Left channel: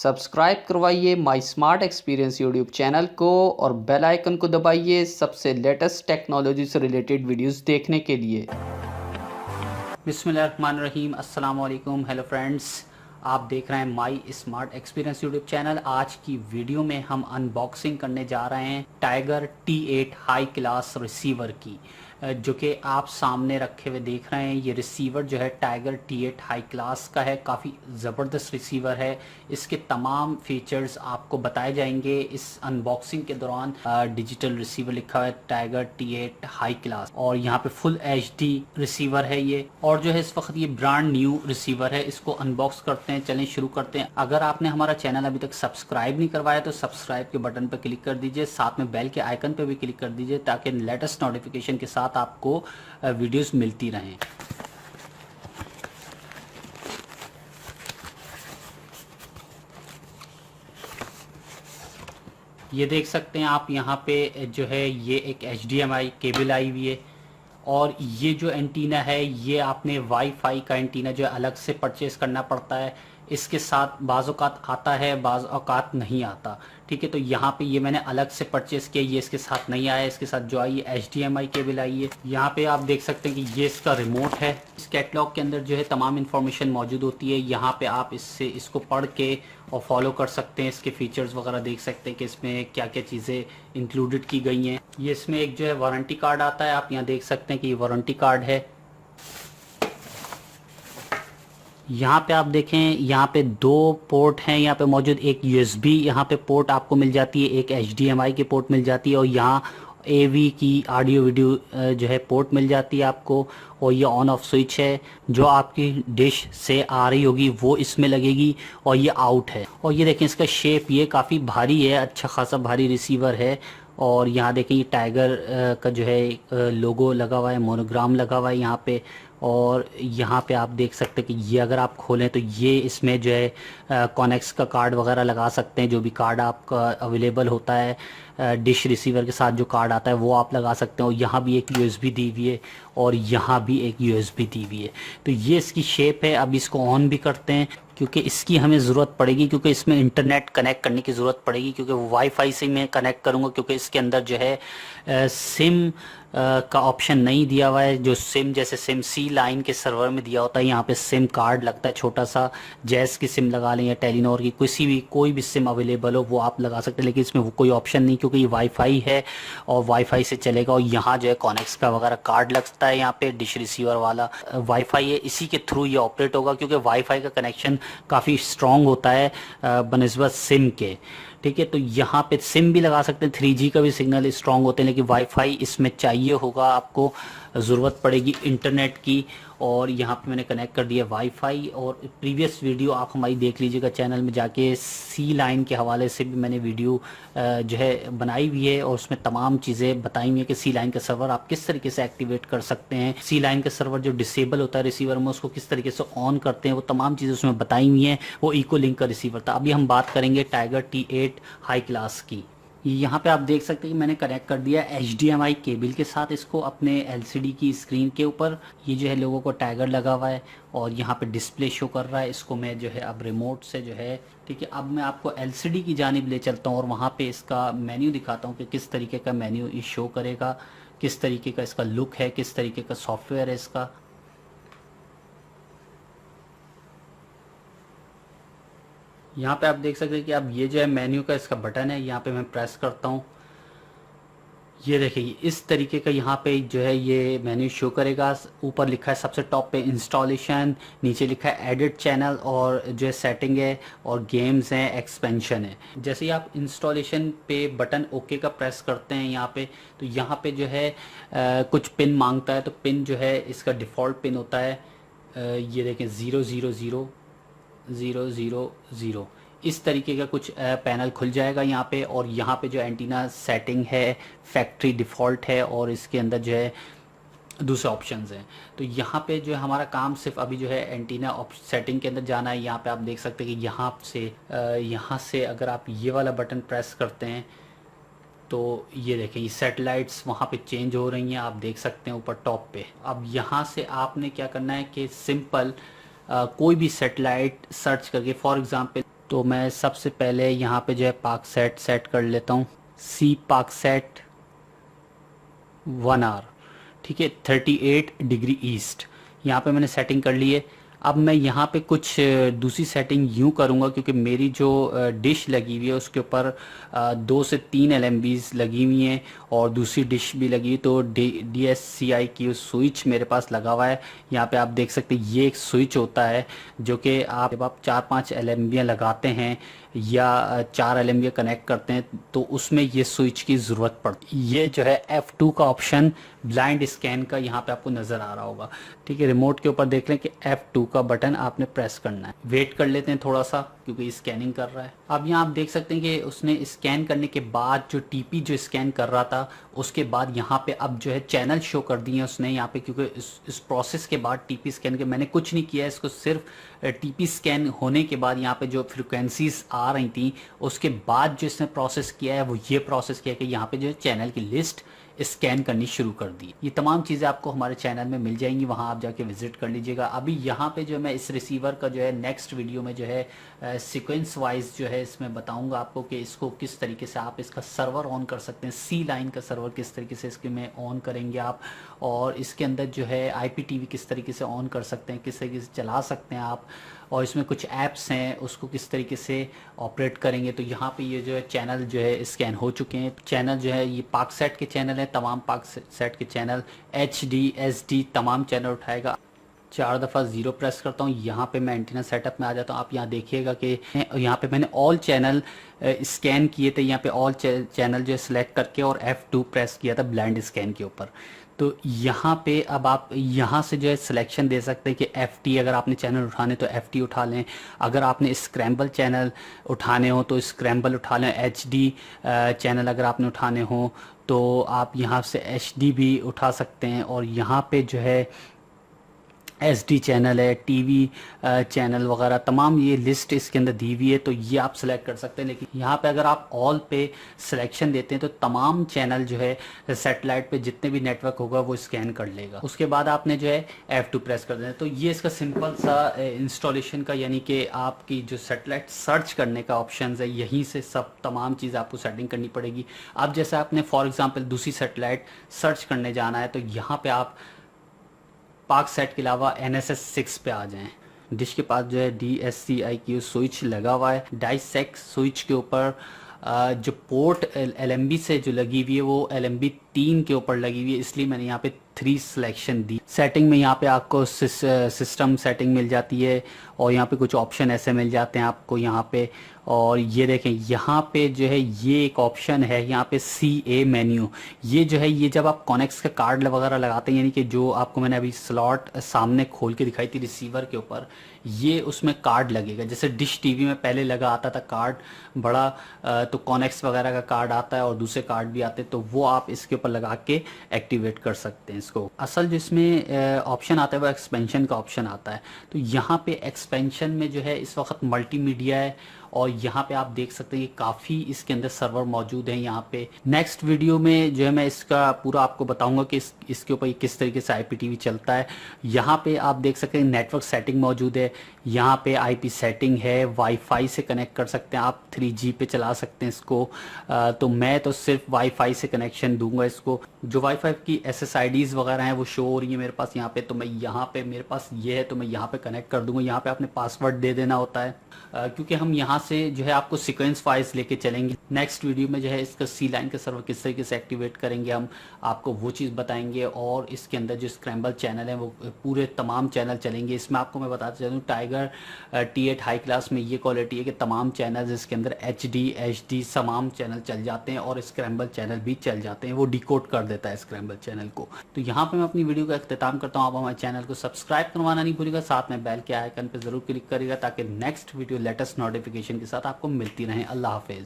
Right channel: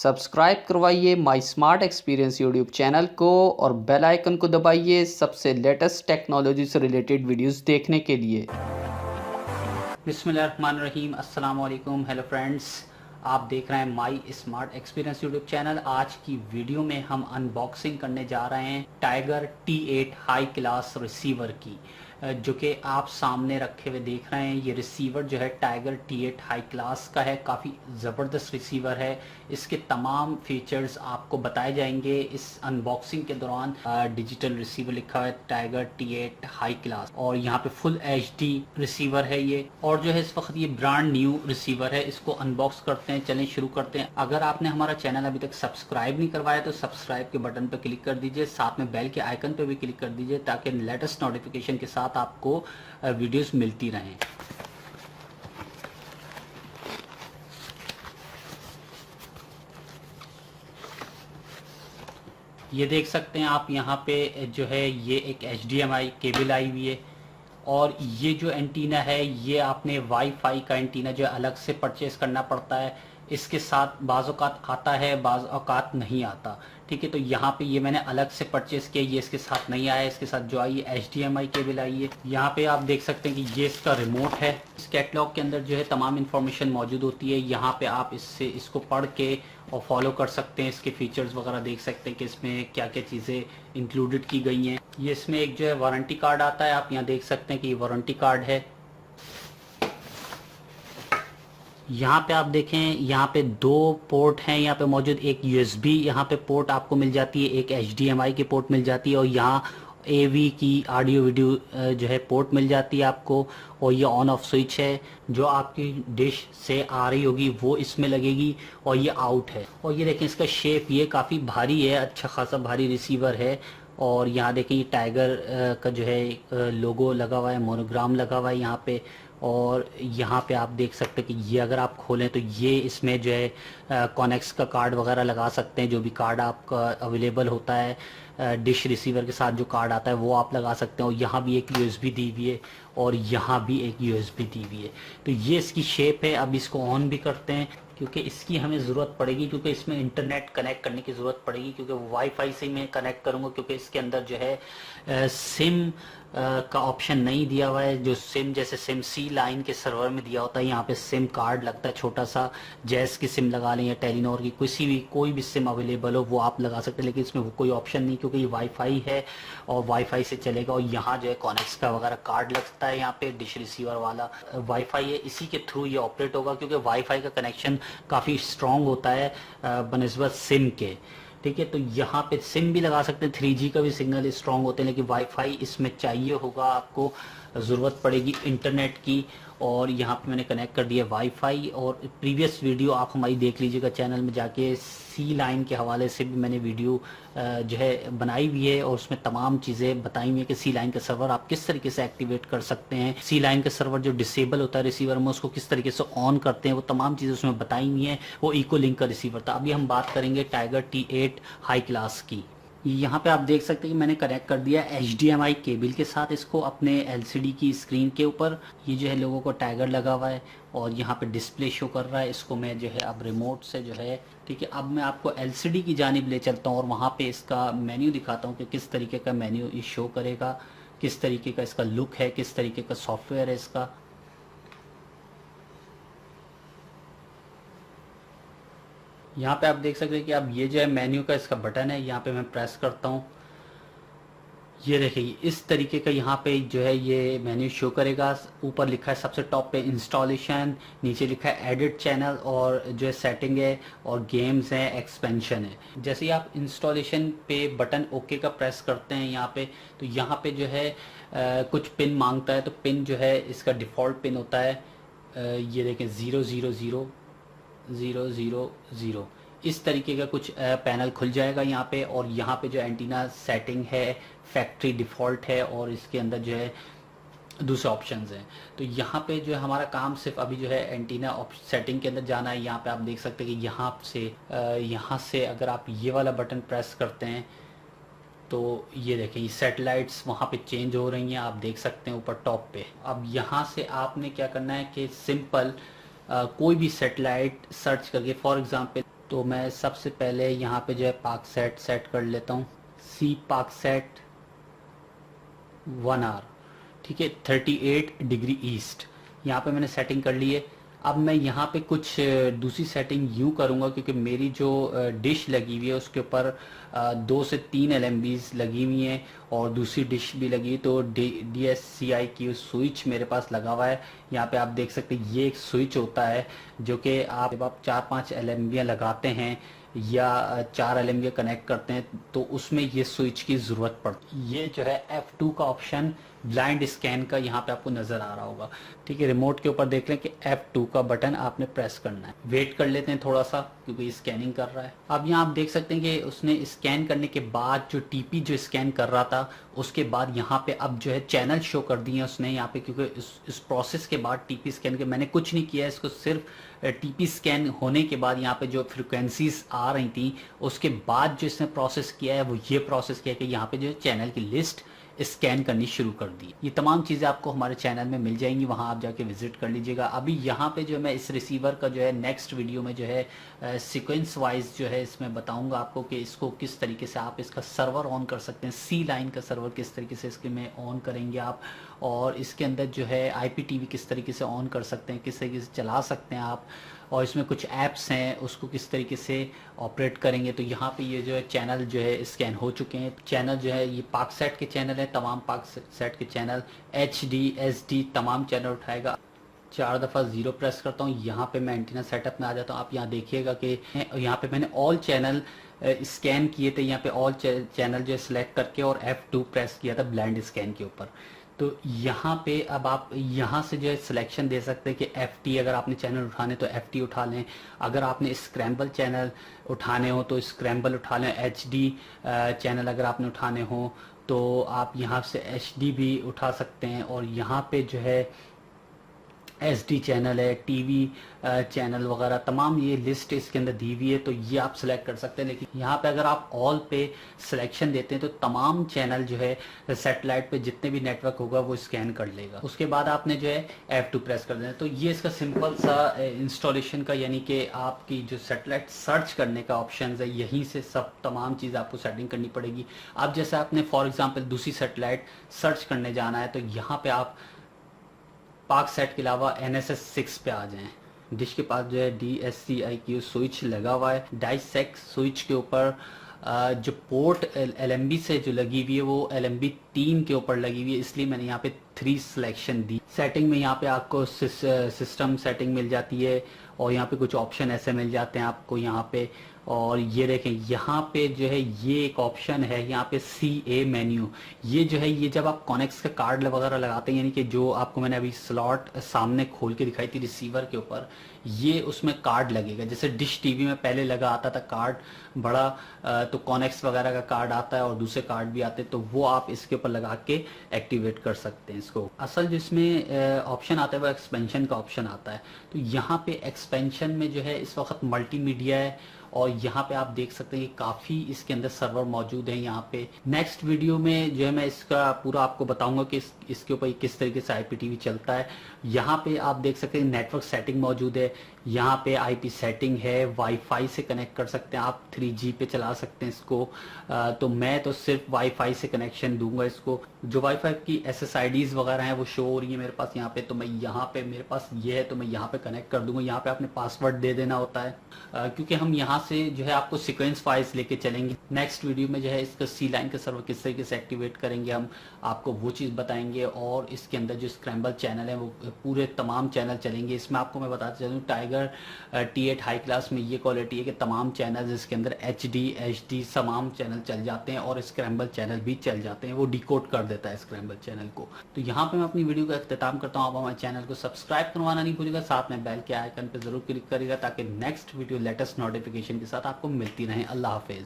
Subscribe करवाइए माई smart experience YouTube channel को और बेल आइकन को दबाइए सबसे लेटेस्ट टेक्नोलॉजी से रिलेटेड वीडियोस देखने के लिए। बिस्मिल्लाहिर्रहमानिर्रहीम, अस्सलाम वालेकुम, हेलो फ्रेंड्स। आप देख रहे हैं माई स्मार्ट एक्सपीरियंस यूट्यूब चैनल। आज की वीडियो में हम अनबॉक्सिंग करने जा रहे हैं tiger T8 high class receiver की, जो कि आप सामने रखे हुए देख रहे हैं। ये रिसीवर जो है टाइगर T8 हाई क्लास का है, काफ़ी ज़बरदस्त रिसीवर है। इसके तमाम फीचर्स आपको बताए जाएंगे इस अनबॉक्सिंग के दौरान। डिजिटल रिसीवर लिखा हुआ है टाइगर T8 हाई क्लास, और यहाँ पे फुल HD रिसीवर है ये, और जो है इस वक्त ये ब्रांड न्यू रिसीवर है। इसको अनबॉक्स करते हैं, चलें शुरू करते हैं। अगर आपने हमारा चैनल अभी तक सब्सक्राइब नहीं करवाया तो सब्सक्राइब के बटन पर क्लिक कर दीजिए, साथ में बेल के आइकन पर भी क्लिक कर दीजिए ताकि लेटेस्ट नोटिफिकेशन के साथ आपको वीडियोस मिलती रहें। ये देख सकते हैं आप यहाँ पे जो है ये एक HDMI केबल आई हुई है, और ये जो एंटीना है ये आपने वाईफाई का एंटीना जो है अलग से परचेज करना पड़ता है। इसके साथ बाज़ औक़ात आता है, बाज़ औक़ात नहीं आता। ठीक है, तो यहाँ पे ये मैंने अलग से परचेज किया, ये इसके साथ नहीं आया। इसके साथ जो आई है HDMI केबल आई है। यहाँ पे आप देख सकते हैं कि ये इसका रिमोट है। इस कैटलॉग के अंदर जो है तमाम इन्फॉर्मेशन मौजूद होती है। यहाँ पे आप इसको पढ़ के और फॉलो कर सकते हैं। इसके फीचर्स वगैरह देख सकते हैं कि इसमें क्या क्या चीज़ें इंक्लूडेड की गई हैं। ये इसमें एक जो है वारंटी कार्ड आता है, आप यहाँ देख सकते हैं कि ये वारंटी कार्ड है। यहाँ पे आप देखें, यहाँ पे दो पोर्ट हैं यहाँ पे मौजूद। एक USB यहाँ पे पोर्ट आपको मिल जाती है, एक HDMI की पोर्ट मिल जाती है, और यहाँ AV की ऑडियो वीडियो जो है पोर्ट मिल जाती है आपको। और ये ऑन ऑफ स्विच है, जो आपकी डिश से आ रही होगी वो इसमें लगेगी, और ये आउट है। और ये देखें इसका शेप, ये काफ़ी भारी है, अच्छा खासा भारी रिसीवर है। और यहाँ देखें ये टाइगर का जो है लोगो लगा हुआ है, मोनोग्राम लगा हुआ है यहाँ पे। और यहाँ पे आप देख सकते हैं कि ये अगर आप खोलें तो ये इसमें जो है कॉनेक्स का कार्ड वगैरह लगा सकते हैं, जो भी कार्ड आपका अवेलेबल होता है डिश रिसीवर के साथ जो कार्ड आता है वो आप लगा सकते हैं। और यहाँ भी एक USB दी हुई है, और यहाँ भी एक USB दी हुई है। तो ये इसकी शेप है। अब इसको ऑन भी करते हैं क्योंकि इसकी हमें ज़रूरत पड़ेगी, क्योंकि इसमें इंटरनेट कनेक्ट करने की ज़रूरत पड़ेगी, क्योंकि वाईफाई से मैं कनेक्ट करूँगा, क्योंकि इसके अंदर जो है सिम का ऑप्शन नहीं दिया हुआ है। जो सिम जैसे सिम C लाइन के सर्वर में दिया होता है, यहाँ पे सिम कार्ड लगता है छोटा सा। जैस की सिम लगा लें या टेलीनॉर की कोई भी सिम अवेलेबल हो वो आप लगा सकते हैं, लेकिन इसमें वो कोई ऑप्शन नहीं, क्योंकि ये वाईफाई है और वाईफाई से चलेगा। और यहाँ जो है कॉनेक्स का वगैरह कार्ड लगता है, यहाँ पे डिश रिसीवर वाला वाईफाई है, इसी के थ्रू ये ऑपरेट होगा, क्योंकि वाईफाई का कनेक्शन काफ़ी स्ट्रॉन्ग होता है बनिस्बत सिम के। ठीक है, तो यहाँ पे सिम भी लगा सकते हैं, 3G का भी सिग्नल स्ट्रांग होते हैं, लेकिन वाईफाई इसमें चाहिए होगा आपको, ज़रूरत पड़ेगी इंटरनेट की। और यहाँ पे मैंने कनेक्ट कर दिया वाईफाई। और प्रीवियस वीडियो आप हमारी देख लीजिएगा चैनल में जाके, C लाइन के हवाले से भी मैंने वीडियो जो है बनाई हुई है, और उसमें तमाम चीज़ें बताई हुई है कि C लाइन का सर्वर आप किस तरीके से एक्टिवेट कर सकते हैं। C लाइन का सर्वर जो डिसेबल होता है रिसीवर में, उसको किस तरीके से ऑन करते हैं, वो तमाम चीज़ें उसमें बताई हुई हैं। वो इको लिंक का रिसीवर था। अभी हम बात करेंगे टाइगर T8 हाई क्लास की। यहाँ पे आप देख सकते हैं कि मैंने कनेक्ट कर दिया HDMI केबल के साथ इसको अपने LCD की स्क्रीन के ऊपर। ये जो है लोगों को टाइगर लगा हुआ है, और यहाँ पे डिस्प्ले शो कर रहा है। इसको मैं जो है अब रिमोट से जो है, ठीक है, अब मैं आपको LCD की जानिब ले चलता हूँ और वहाँ पे इसका मेन्यू दिखाता हूँ कि किस तरीके का मेन्यू ये शो करेगा, किस तरीके का इसका लुक है, किस तरीके का सॉफ्टवेयर है इसका। यहाँ पे आप देख सकते हैं कि अब ये जो है मेन्यू का इसका बटन है, यहाँ पे मैं प्रेस करता हूँ। ये देखिए इस तरीके का यहाँ पे जो है ये मेन्यू शो करेगा। ऊपर लिखा है सबसे टॉप पे इंस्टॉलेशन, नीचे लिखा है एडिट चैनल, और जो है सेटिंग है, और गेम्स हैं, एक्सपेंशन है। जैसे ही आप इंस्टॉलेशन पे बटन ओके का प्रेस करते हैं यहाँ पे, तो यहाँ पे जो है कुछ पिन मांगता है। तो पिन जो है इसका डिफ़ॉल्ट पिन होता है, ये देखें 00000। इस तरीके का कुछ पैनल खुल जाएगा यहाँ पे। और यहाँ पे जो एंटीना सेटिंग है फैक्ट्री डिफ़ॉल्ट है, और इसके अंदर जो है दूसरे ऑप्शंस हैं। तो यहाँ पे जो है हमारा काम सिर्फ अभी जो है एंटीना सेटिंग के अंदर जाना है। यहाँ पे आप देख सकते हैं कि यहाँ से अगर आप ये वाला बटन प्रेस करते हैं तो ये देखें ये सैटेलाइट्स वहाँ पे चेंज हो रही हैं, आप देख सकते हैं ऊपर टॉप पे। अब यहाँ से आपने क्या करना है कि सिंपल कोई भी सेटेलाइट सर्च करके, फॉर एग्जांपल तो मैं सबसे पहले यहाँ पे जो है पाकसेट सेट कर लेता हूँ, सी पाकसेट 1R, ठीक है, 38 डिग्री ईस्ट, यहाँ पे मैंने सेटिंग कर ली है। अब मैं यहाँ पे कुछ दूसरी सेटिंग यूँ करूँगा, क्योंकि मेरी जो डिश लगी हुई है उसके ऊपर 2 से 3 LMBs लगी हुई हैं और दूसरी डिश भी लगी, तो DSCI की स्विच मेरे पास लगा हुआ है। यहाँ पे आप देख सकते हैं ये एक स्विच होता है जो कि आप जब आप 4-5 LMB लगाते हैं या 4 LMB कनेक्ट करते हैं तो उसमें ये स्विच की ज़रूरत पड़ती है। ये जो है F2 का ऑप्शन ब्लाइंड स्कैन का यहाँ पे आपको नज़र आ रहा होगा, ठीक है। रिमोट के ऊपर देख लें कि F2 का बटन आपने प्रेस करना है। वेट कर लेते हैं थोड़ा सा क्योंकि ये स्कैनिंग कर रहा है। अब यहाँ आप देख सकते हैं कि उसने स्कैन करने के बाद जो TP जो स्कैन कर रहा था उसके बाद यहाँ पे अब जो है चैनल शो कर दिए उसने यहाँ पे, क्योंकि इस प्रोसेस के बाद TP स्कैन के मैंने कुछ नहीं किया, इसको सिर्फ TP स्कैन होने के बाद यहाँ पे जो फ्रिक्वेंसीज आ रही थी उसके बाद जो इसने प्रोसेस किया है वो ये प्रोसेस किया कि यहाँ पे जो है चैनल की लिस्ट स्कैन करनी शुरू कर दी। ये तमाम चीज़ें आपको हमारे चैनल में मिल जाएंगी, वहाँ आप जाके विजिट कर लीजिएगा। अभी यहाँ पे जो मैं इस रिसीवर का जो है नेक्स्ट वीडियो में जो है सीक्वेंस वाइज जो है इसमें बताऊंगा आपको कि इसको किस तरीके से आप इसका सर्वर ऑन कर सकते हैं, सी लाइन का सर्वर किस तरीके से इसके में ऑन करेंगे आप, और इसके अंदर जो है IPTV किस तरीके से ऑन कर सकते हैं, किस तरीके से चला सकते हैं आप, और इसमें कुछ ऐप्स हैं उसको किस तरीके से ऑपरेट करेंगे। तो यहाँ पे ये जो है चैनल जो है स्कैन हो चुके हैं। चैनल जो है ये पाकसेट के चैनल हैं, तमाम पाकसेट के चैनल HD SD तमाम चैनल उठाएगा। 4 दफ़ा 0 प्रेस करता हूँ, यहाँ पे मैं एंटीना सेटअप में आ जाता हूँ। आप यहाँ देखिएगा कि यहाँ पे मैंने ऑल चैनल स्कैन किए थे, यहाँ पे ऑल चैनल जो है सिलेक्ट करके और F2 प्रेस किया था ब्लाइंड स्कैन के ऊपर। तो यहाँ पे अब आप यहाँ से जो है सिलेक्शन दे सकते हैं कि FT अगर आपने चैनल उठाने तो FT उठा लें, अगर आपने स्क्रैम्बल चैनल उठाने हो तो स्क्रैम्बल उठा लें, HD चैनल अगर आपने उठाने हो तो आप यहाँ से HD भी उठा सकते हैं, और यहाँ पे जो है SD चैनल है, TV चैनल वगैरह तमाम ये लिस्ट इसके अंदर दी हुई है, तो ये आप सिलेक्ट कर सकते हैं। लेकिन यहाँ पे अगर आप ऑल पे सिलेक्शन देते हैं तो तमाम चैनल जो है सैटेलाइट पे जितने भी नेटवर्क होगा वो स्कैन कर लेगा। उसके बाद आपने जो है F2 प्रेस कर देना। तो ये इसका सिंपल सा इंस्टॉलेशन का, यानी कि आपकी जो सैटेलाइट सर्च करने का ऑप्शन है, यहीं से सब तमाम चीज़ आपको सेटिंग करनी पड़ेगी। अब जैसे आपने फॉर एग्जाम्पल दूसरी सैटेलाइट सर्च करने जाना है तो यहाँ पे आप पाकसेट के अलावा NSS 6 पे आ जाएं। डिश के पास जो है DSCI की स्विच लगा हुआ है। डाइसेक्ट स्विच के ऊपर जो पोर्ट LMB से जो लगी हुई है वो LMB 3 के ऊपर लगी हुई है, इसलिए मैंने यहाँ पे 3 सिलेक्शन दी। सेटिंग में यहाँ पे आपको सिस्टम सेटिंग मिल जाती है और यहाँ पे कुछ ऑप्शन ऐसे मिल जाते हैं आपको यहाँ पे, और ये देखें यहाँ पे जो है ये एक ऑप्शन है यहाँ पे CA मेन्यू। ये जो है ये जब आप कॉनेक्स का कार्ड वगैरह लगाते हैं, यानी कि जो आपको मैंने अभी स्लॉट सामने खोल के दिखाई थी रिसीवर के ऊपर, ये उसमें कार्ड लगेगा। जैसे डिश TV में पहले लगा आता था कार्ड बड़ा, तो कॉनेक्स वगैरह का कार्ड आता है और दूसरे कार्ड भी आते हैं, तो वो आप इसके ऊपर लगा के एक्टिवेट कर सकते हैं इसको। असल जो इसमें ऑप्शन आता है वो एक्सपेंशन का ऑप्शन आता है। तो यहाँ पे एक्सपेंशन में जो है इस वक्त मल्टीमीडिया है, और यहाँ पे आप देख सकते हैं कि काफ़ी इसके अंदर सर्वर मौजूद हैं। यहाँ पे नेक्स्ट वीडियो में जो है मैं इसका पूरा आपको बताऊंगा कि इसके ऊपर किस तरीके से IPTV चलता है। यहाँ पे आप देख सकते हैं नेटवर्क सेटिंग मौजूद है, यहाँ पे IP सेटिंग है, वाईफाई से कनेक्ट कर सकते हैं आप, 3G पे चला सकते हैं इसको। तो मैं तो सिर्फ वाईफाई से कनेक्शन दूंगा इसको। जो वाईफाई की SSIDs वगैरह हैं वो शो हो रही है मेरे पास यहाँ पे, तो मैं यहाँ पे मेरे पास ये है तो मैं यहाँ पे कनेक्ट कर दूंगा। यहाँ पे आपने पासवर्ड दे देना होता है, क्योंकि हम यहाँ से जो है आपको सीक्वेंस वाइज लेके चलेंगे। नेक्स्ट वीडियो में जो है इसका सी लाइन का सर्वर किस तरीके से एक्टिवेट करेंगे हम आपको वो चीज़ बताएंगे, और इसके अंदर जो स्क्रैम्बल चैनल है वो पूरे तमाम चैनल चलेंगे। इसमें आपको मैं बताता चलूँ टाइगर T8 हाई क्लास में ये क्वालिटी है कि तमाम चैनल इसके अंदर HD HD तमाम चैनल चल जाते हैं और स्क्रैम्बल चैनल भी चल जाते हैं, वो डिकोड कर देता है स्क्रैम्बल चैनल को। तो यहाँ पे मैं अपनी वीडियो का अख्तिताम करता हूँ। आप हमारे चैनल को सब्सक्राइब करवाना नहीं भूलिएगा, साथ में बेल के आइकन पर जरूर क्लिक करिएगा ताकि नेक्स्ट वीडियो लेटेस्ट नोटिफिकेशन के साथ आपको मिलती रहे। अल्लाह हाफिज।